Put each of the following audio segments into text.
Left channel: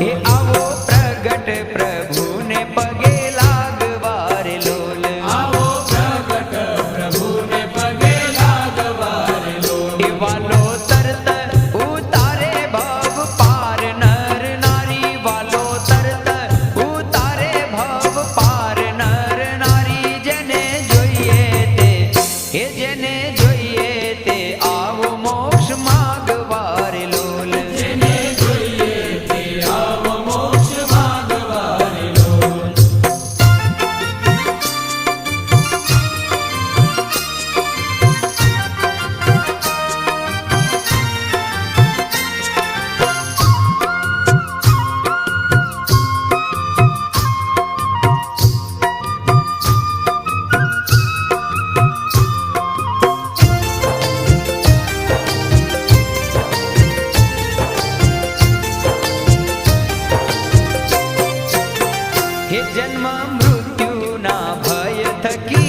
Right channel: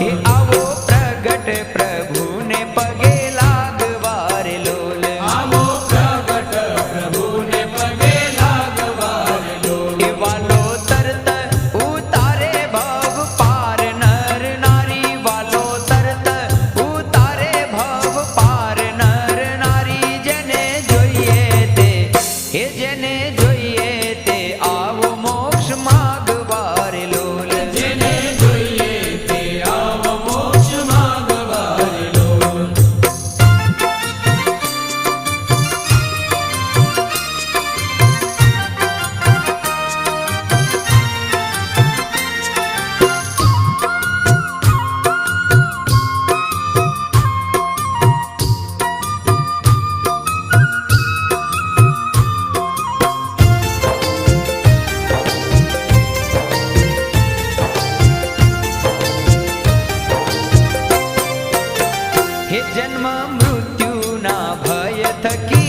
એ આવો પ્રગટ પ્રભુને પગે લાગવાર લોલ. એ વાલો તરત ઉતારે ભવ પાર નર નારી વાલો તરત ઉતારે ભવ પાર નર નારી જેને હે જન્મ મૃત્યુના ભય થકી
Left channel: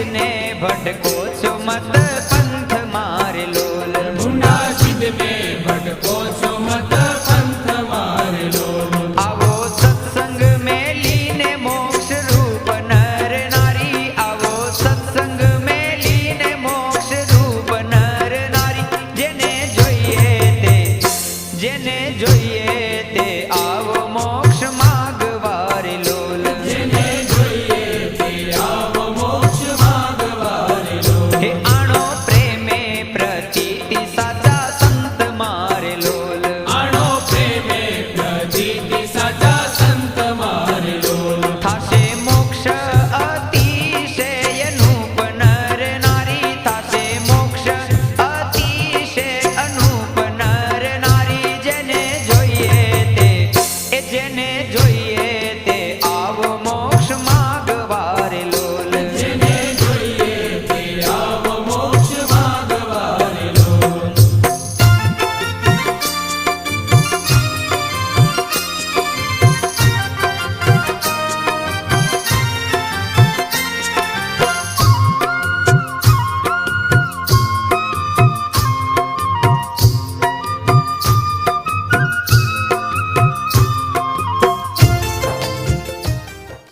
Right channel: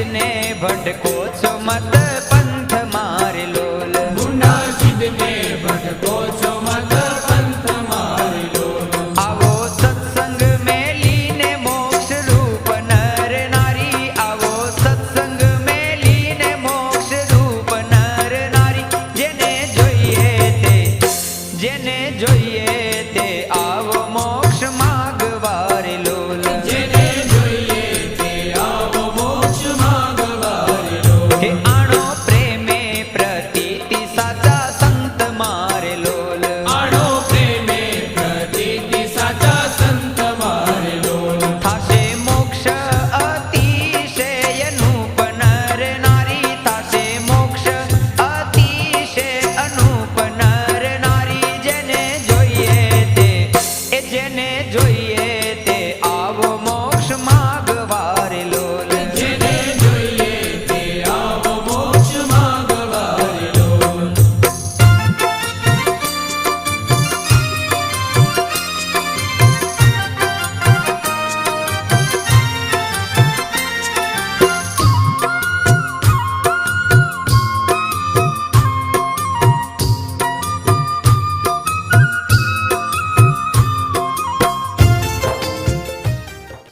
ભીડને ભટકો છો મત लोल